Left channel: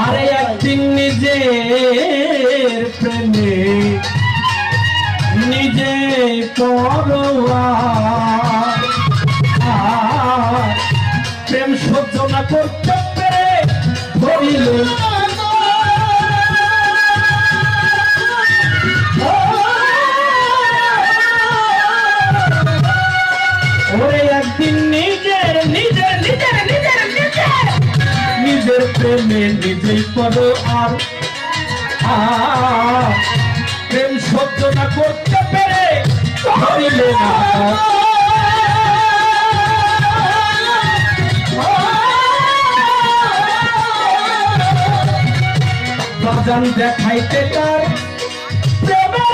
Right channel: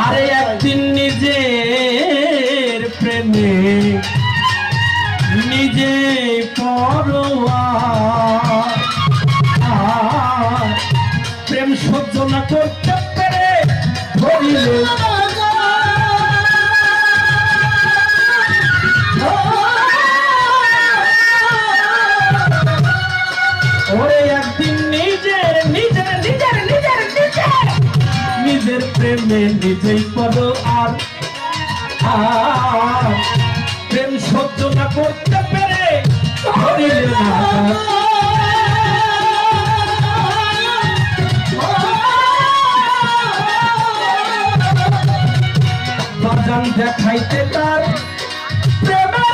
আরে একদিন নিজের প্রেমে নিজে পরোয়া প্রেম সহ্য না করতে পেরে ধরিল ওরে একদিন নিজের নিজের নিজের নিজের নিজের নিজের প্রেমে নিজেই করো আর প্রেম সহ্য না করতে পেরে ধরিলে না বাজান দেখাইতে তার প্রেমের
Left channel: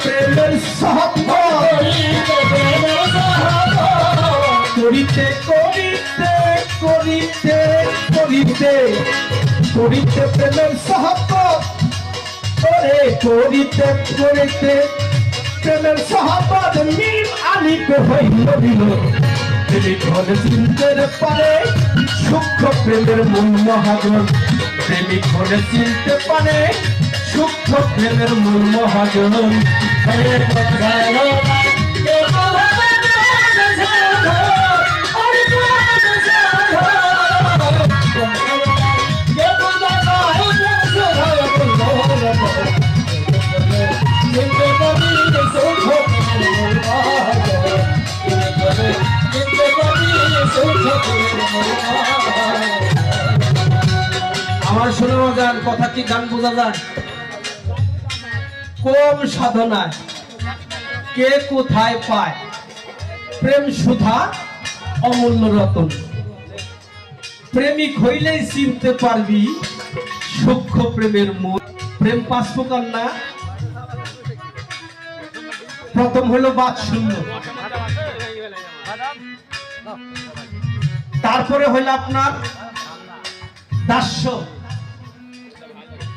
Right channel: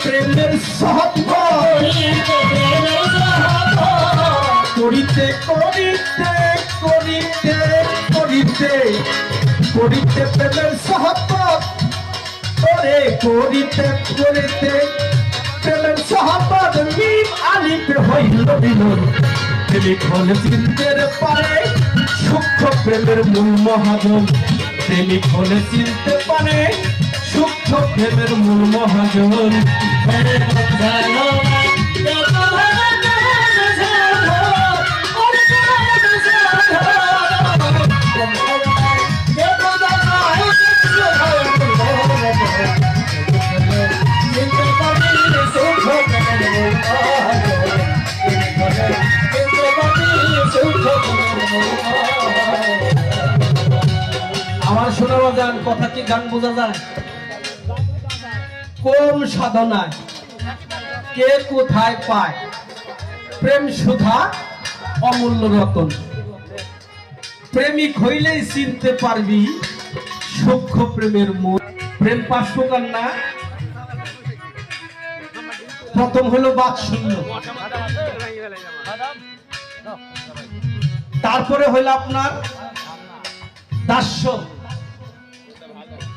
প্রেমের করিতে করিতে করিতে করিতে করিতে প্রেমের সাহাবত ওরে করিতে করিতে প্রেমের সাহাবত মিম আলিফে হইল দিল প্রেমিক হলে চিনতে পারে সূক্ষ্ম প্রেমের মূল মহাজন প্রেমিক হলে চিনতে পারে সূক্ষ্ম প্রেমের মূল মহাজন আমার শোনা যান কথা কি গান বোঝা যায় কম সাধনায় কে কোথায় পায় প্রেম সুধা অমূল্য রতন প্রেমিক হইলেই চিনতে পারবি সূক্ষ্ম প্রেমের মূল প্রেম 5 প্রকার না প্রথম হলো বাৎসল্য তারপরে হইল আপনার দাস্য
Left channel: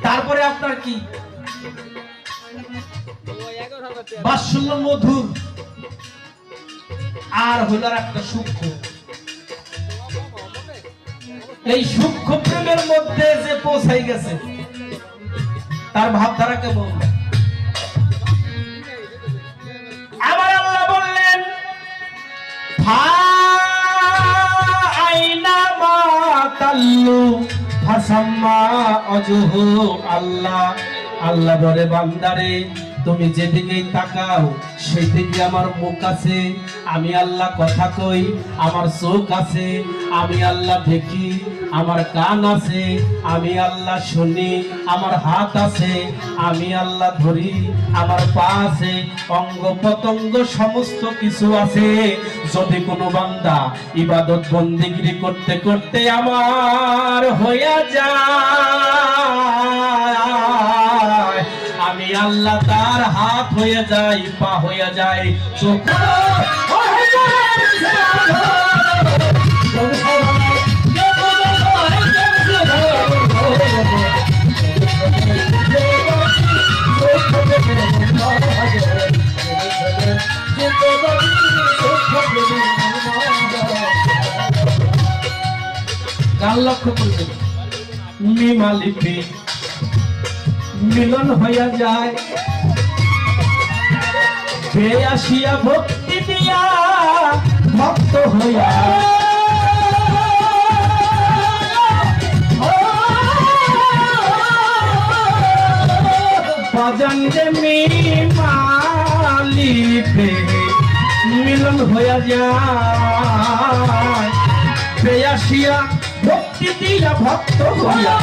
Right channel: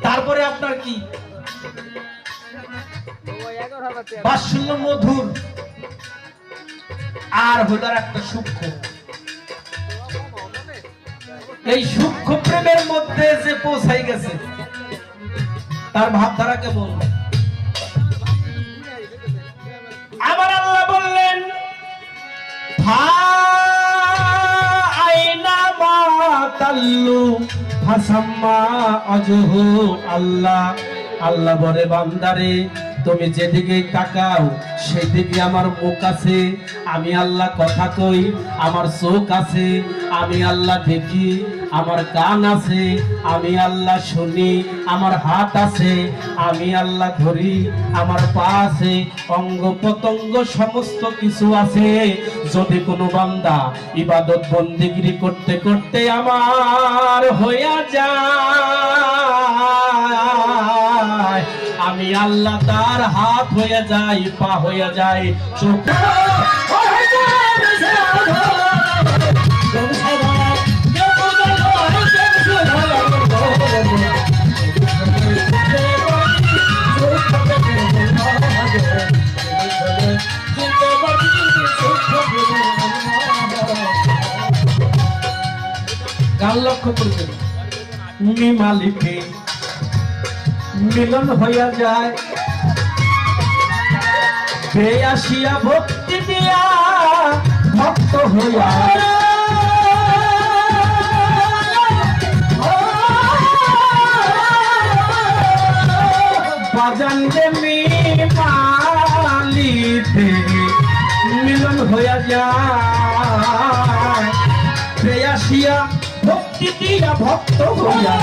তারপরে আপনার কি বাৎসল্য মধুর আর হইল একটা সূক্ষ্ম এই সূক্ষ্ম প্রেমের মধ্যে যে পৌঁছাই গেছে তার ভাবধারা কেমন আমার আল্লাহ বললেন আল্লাহ আল্লাহ বলে বান্দারে তুমি যেদিকে তাকাও সেদিকে আমার মুখ আছে আমি আল্লাহ কথা কই আমার চোখ আছে আমি আল্লাহ দেখি আমার কান আছে আমি আল্লাহ শুনি আমার হাত আছে আমি আল্লাহ ধরি আমার পা আছে অঙ্গ প্রত্যঙ্গ সমস্ত কিছু আছে যদি কোনো বান্দা ইবাদত বন্দেগী করতে করতে আমার হইয়া যায় আমি আল্লাহ তার হাত হয়ে যাই পা হয়ে যায় চোখ গান লক্ষ্য করবে মিমালিতে মিলন হইয়া যায় বেয়াসিয়া ভক্তি দিয়া ভক্ত হইয়া বাজান যে মিমালিতে মিলন হইয়া যায় বেয়াসিয়া ভক্তি দিয়া ভক্ত হইয়া